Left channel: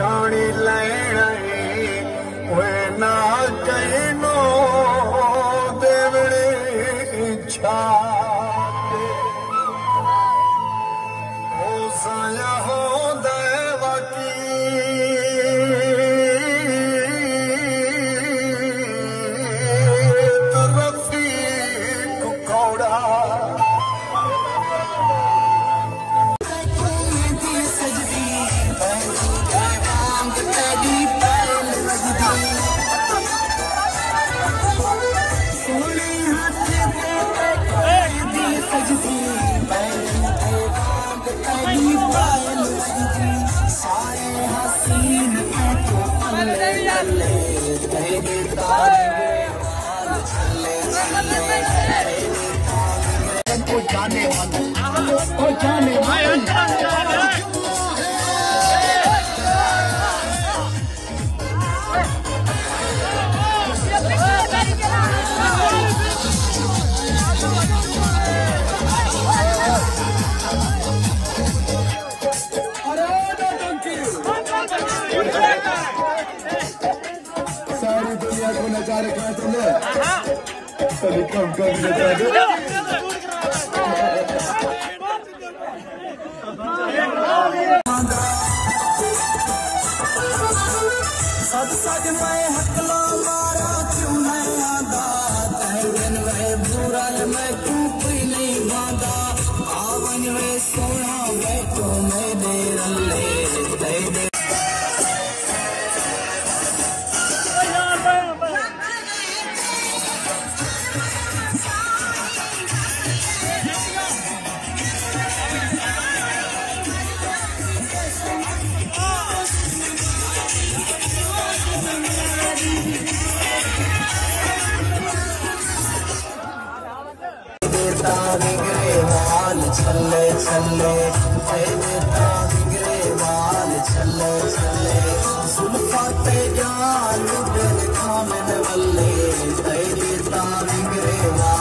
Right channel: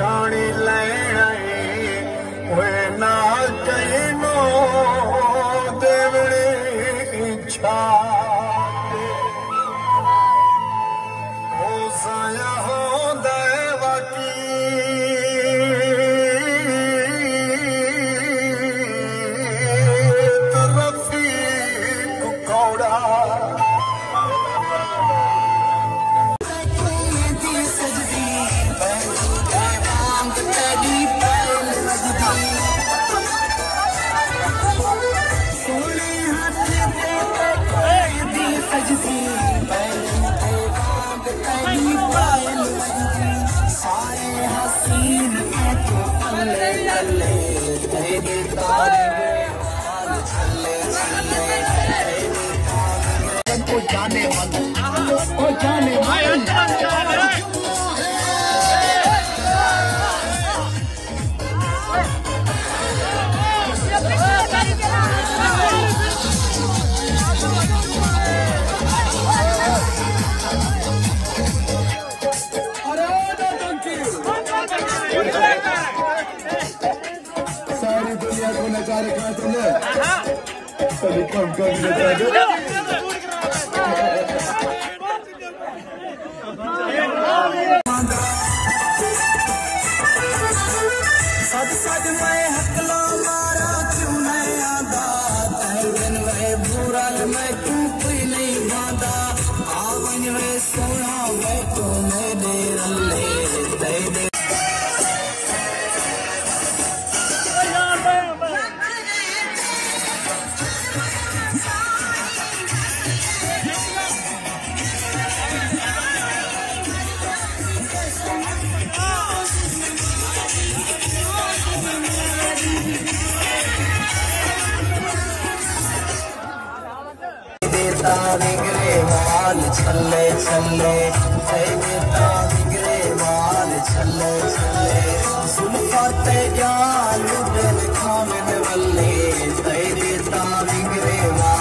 छाणी लैण वे ना कहिनो देवड़ी इच्छा ओ साया हो देवकी तरफी कुकौड़ा सारी दुनिया को नचा रखा तुमने सभी कम कर सद सद मैं हकला मारा क्यों नहीं आंदा तहवन वे बुरा मैं तू कोई नहीं बांधा आवन वे सोना वे तो मैं दे दे विग्रेवाल छल्ले छल्ले देता विग्रेवाल छल्ले छल्ले सुनपाते जाल दिल खामन वल्ले देता विग्रेवाल